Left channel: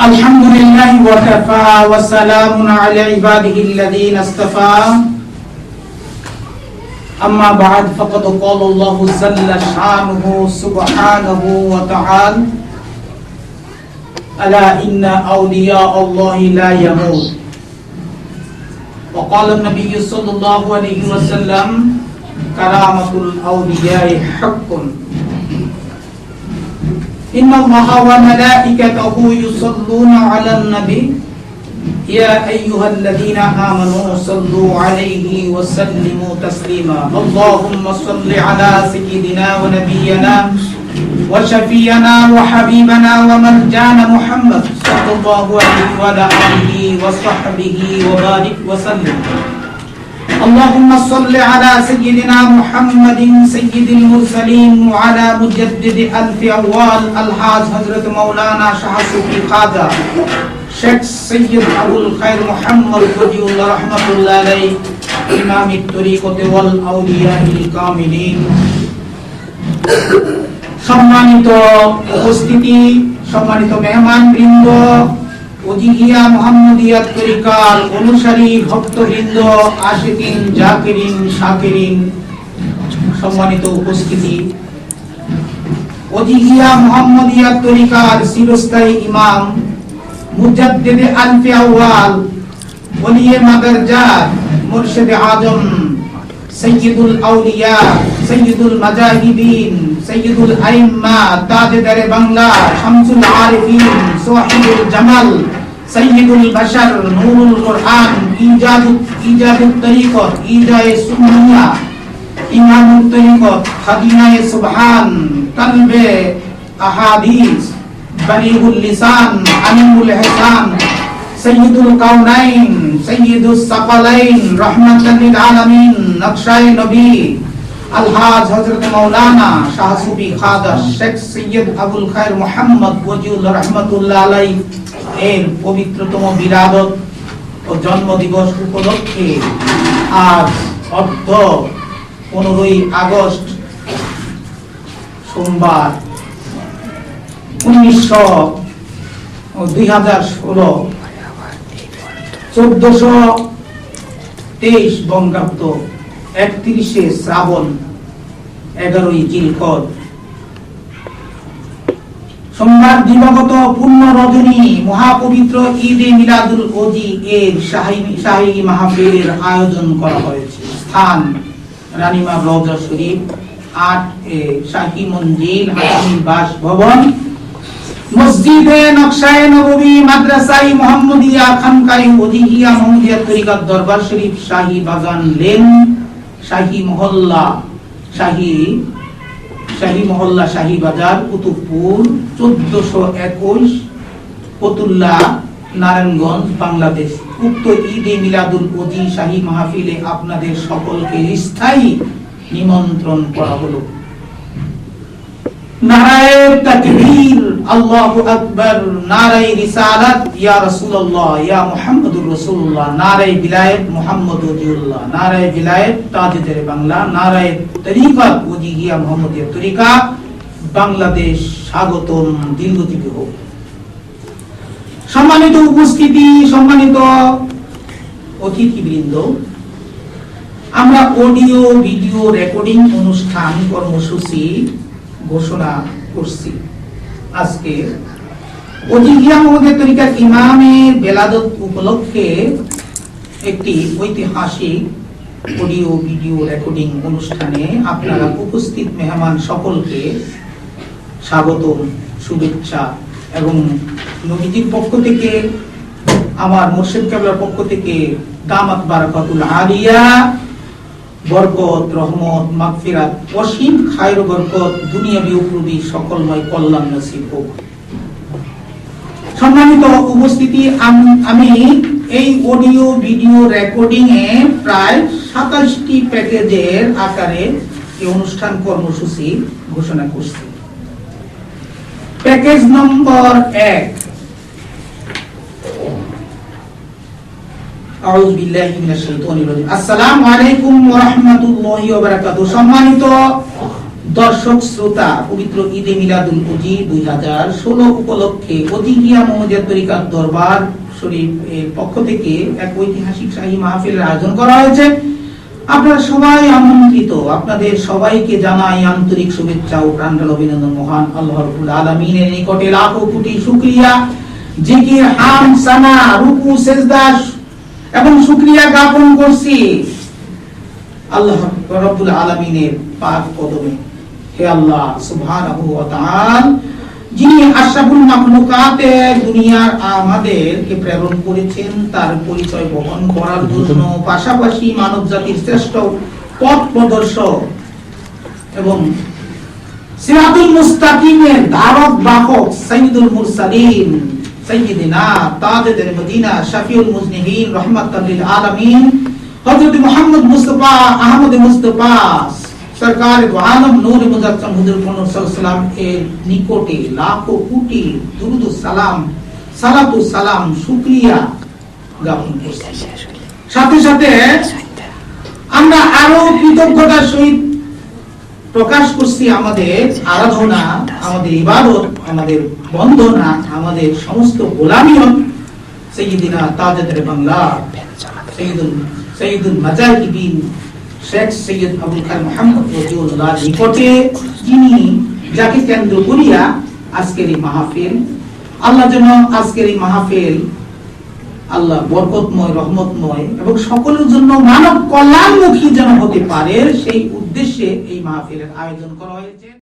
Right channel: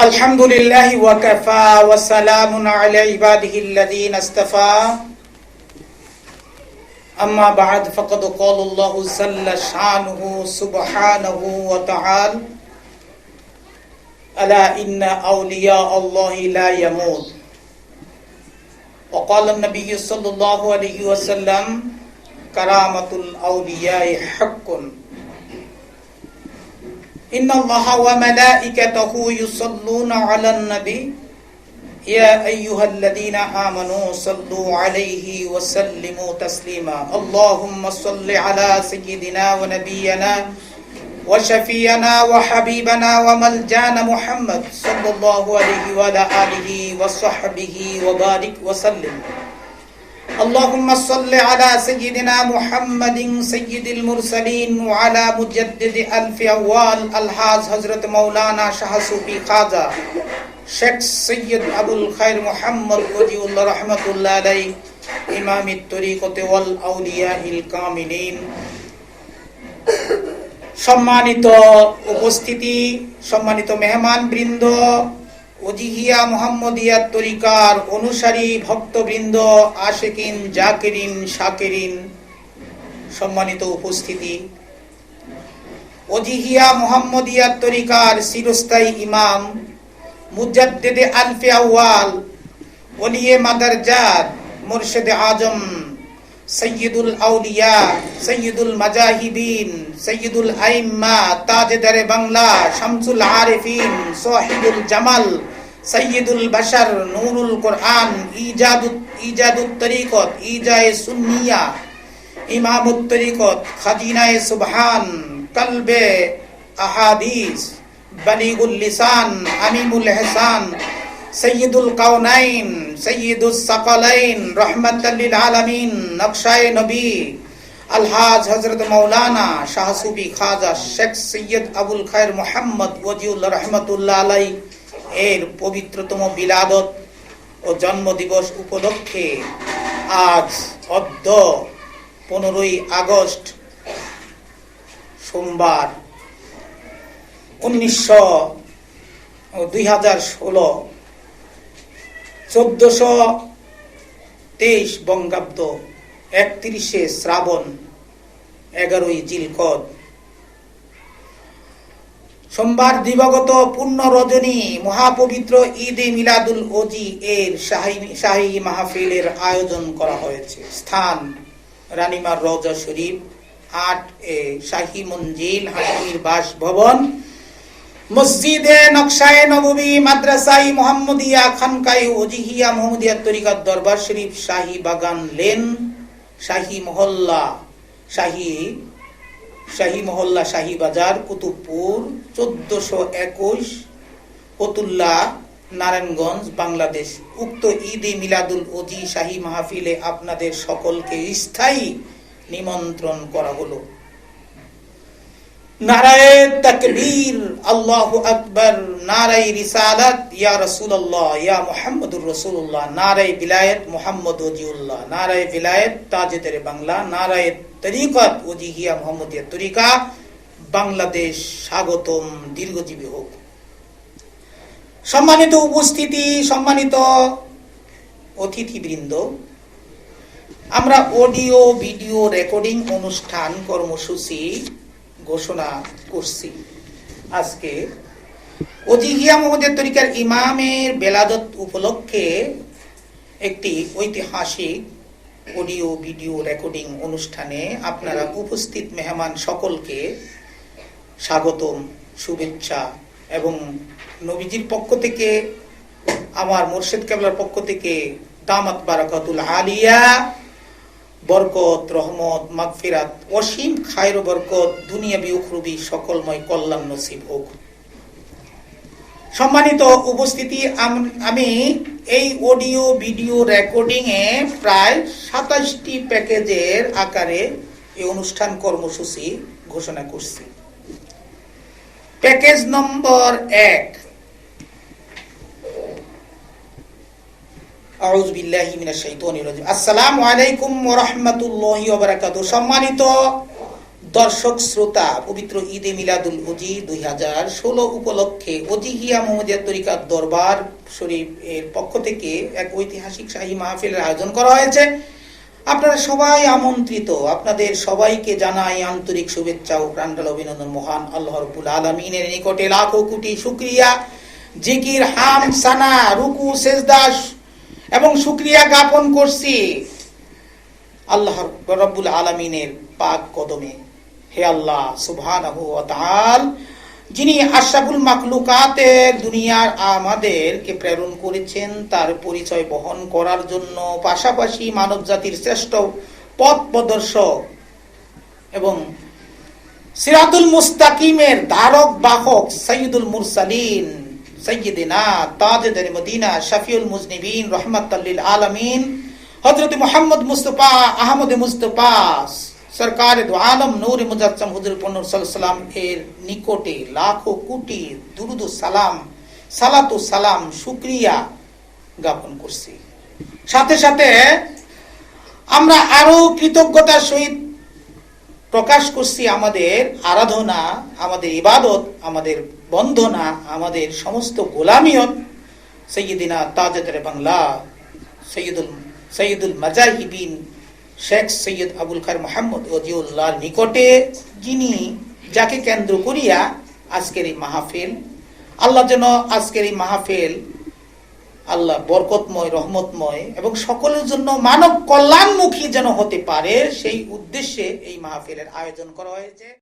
الحمد لله وكفى وسلام على عباده الذين اصطفى أما بعد فقد قال الله جل شانه سبحانه وتعالى ألا إن أولياء الله لا يموت وقال النبي صلى الله عليه وسلم كرامة الأولياء حق إن الله وملائكته يصلون على النبي. يا أيها الذين آمنوا صلوا عليه وسلموا تسليما. اللهم صل على سيدنا ونبينا وشفينا وحبيبنا ومرجانا محمد صلى الله عليه وعلى آله وصحبه وبارك وسلم. اللهم صل على سيدنا محمد سيد المرسلين وعلى مجدد ألف أول الحاج حضرت مولانا شاه صوفي خواجہ شیخ سید ابو الخير محمد ولي الله رحمة الله عليه إمام الطريقة والأولياء الكاملين সম্মানিত উপস্থিতি সম্মানিত মেহমান বৃন্দ অজিহিয়া মোহাম্মদিয়া তরিকার অনুসারী ভক্তবৃন্দ, আশিকিন, জাকিরিন, শাকিরিন, সম্মানিত উপস্থিতি। তরিকার চিরস্থায়ী ইমাম, মুজাদ্দিদে আলফি আউয়াল আজম, সৈয়দুল আউলিয়া, সৈয়দুল মাজাহিদিন, সৈয়দুল আইম্মা, তাজদারে বাংলা, শামসুল আরিফিন জামাল সৈয়দুল বাশার নূরুল কোরআন, ইজাদু, ইজাদুত তরিকত, ইজায়ে সুন্নিয়া, ইমামুত তরিকত, খাদিনায়ে সুবহান, কলবে আহাদিস, বলিগুল লিসান আমিমুল ইহসান সৈয়দুল কাউনাইন সৈয়দুস সাকালাইন, রাহমাতাল লিল আলামিন, নকশায়ে নবী, আলহাজ হযরত মাওলানা শাহ সুফি খাজা শেখ সৈয়দ আবুল খায়ের মোহাম্মদ ওয়াজিউল্লাহ রাহমাতুল্লাহ আলাই এর পবিত্রতম বিলাদত ও জন্মদিবস উপলক্ষে আজ অর্ধ পনেরোই আগস্ট সোমবার উনিশশো দুই হাজার ষোলো চোদ্দশো তেইশ বঙ্গাব্দ একত্রিশে শ্রাবণ এগারোই জিলকদ সোমবার দিবাগত পূর্ণ রজনী মহাপবিত্র ঈদে মিলাদুল ওজি এর শাহী মাহফিলের আয়োজন করা হয়েছে। স্থান রানীমা রওজা শরীফ এ শাহী মঞ্জিল, হাকিম বাসভবন, মসজিদে নকশায়ে নববী মাদ্রাসাই মোহাম্মদিয়া খানকাই ওজিহিয়া মোহাম্মদিয়া তরিকাত দরবার শরীফ, শাহী বাগান লেন, শাহী মহল্লা, শাহী শাহী মহল্লা শাহী বাজার, কুতুবপুর, চোদ্দশো একুশ, ফতুল্লা, নারায়ণগঞ্জ, বাংলাদেশ। উক্ত ঈদে মিলাদুল ওজি শাহী মাহফিলে আপনাদের সকলকে স্থায়ী নিমন্ত্রণ করা হলো। নারায়ে সম্মানিত উপস্থিতি সম্মানিত অতিথিবৃন্দ আমরা অডিও ভিডিও রেকর্ডিং অনুষ্ঠান কর্মসূচি ঘোষণা করছি। আজকে মোহাম্মদের তরিকার ইমামের বেলাদত উপলক্ষে একটি ঐতিহাসিক অডিও, ভিডিও, রেকর্ডিং অনুষ্ঠানে আপনারা উপস্থিত মেহমান সকলকে স্বাগত শুভেচ্ছা এবং নবীজির পক্ষ থেকে, আমার মুর্শিদ কেবলার পক্ষ থেকে দামাত বারাকাতুল আলিয়া বরকত, রহমত, মাগফিরাত, অসীম খায়র বরকত, দুনিয়া বিউকুবি সকলময় কল্যাণ নসিব হোক। সম্মানিত উপস্থিতি, আমি এই অডিও, ভিডিও রেকর্ডিং এ প্রায় সাতাশটি প্যাকেজের আকারে এই অনুষ্ঠান কর্মসূচি ঘোষণা করছি। প্যাকেজ নম্বর এক আউযু বিল্লাহি মিনাশ শাইতানির রাজিম। আসসালামু আলাইকুম ওয়া রাহমাতুল্লাহি ওয়া বারাকাতুহু। সম্মানিত দর্শক, শ্রোতা, পবিত্র ঈদে মিলাদুল উজি দুই হাজার ষোলো উপলক্ষে অধিকিয়া মোহাম্মদের তরিকার দরবার শরীফ এর পক্ষ থেকে এক ঐতিহাসিক শাহী মাহফিলের আয়োজন করা হয়েছে। আপনারা সবাই আমন্ত্রিত, আপনাদের সবাইকে জানাই আন্তরিক শুভেচ্ছা ও প্রাণঢাল অভিনন্দন মহান আল্লাহ রাব্বুল আলামিনের নিকটে লাখো কোটি শুকরিয়া। জিকির, হাম, সানা, রুকু, সেজদা এবং শুকরিয়া জ্ঞাপন করছি। আল্লাহ রাব্বুল আলামিনের পাক কদমে। হে আল্লাহ সুবহানাহু ওয়া তাআলা, যিনি আশরাফুল মাখলুকাতে দুনিয়ার আমাদেরকে প্রেরণ করেছেন, তার পরিচয় বহন করার জন্য পাশাপাশি মানব জাতির শ্রেষ্ঠ পথ প্রদর্শক এবং সিরাতুল মুস্তাকিমের ধারক বাহক সাইয়্যিদুল মুরসালিন। সাইয়্যিদিনা তাজুদ্দিন মদিনা শাফিউল মুজনিবিন রাহমাতাল লিল আলামিন। আহমদ সরকার আলম নূর হুজুর এর নিকটে লাখো কোটি দুরুদ সালাম, সালাতু সালাম, শুকরিয়া সাথে সাথে আমরা আরও কৃতজ্ঞতার সহিত প্রকাশ করছি আমাদের আরাধনা, আমাদের ইবাদত। আমাদের বন্দনা, আমাদের সমস্ত গোলামিয়ত সৈয়দিনা তাজেদের বাংলা সৈয়দুল সৈয়দুল মাজাহিবিন শেখ সৈয়দ আবুল কার মোহাম্মদ রজুল্লাহ নিকটে যিনি যাকে কেন্দ্র করিয়া আজকের এই মাহফিল, আল্লাহ যেন আজকের এই মাহফিল আল্লাহ বরকতময়, রহমতময় এবং সকলের জন্য মানব কল্যাণমুখী যেন হতে পারে, সেই উদ্দেশ্যে এই মাহফিলের আয়োজন করা হয়েছে।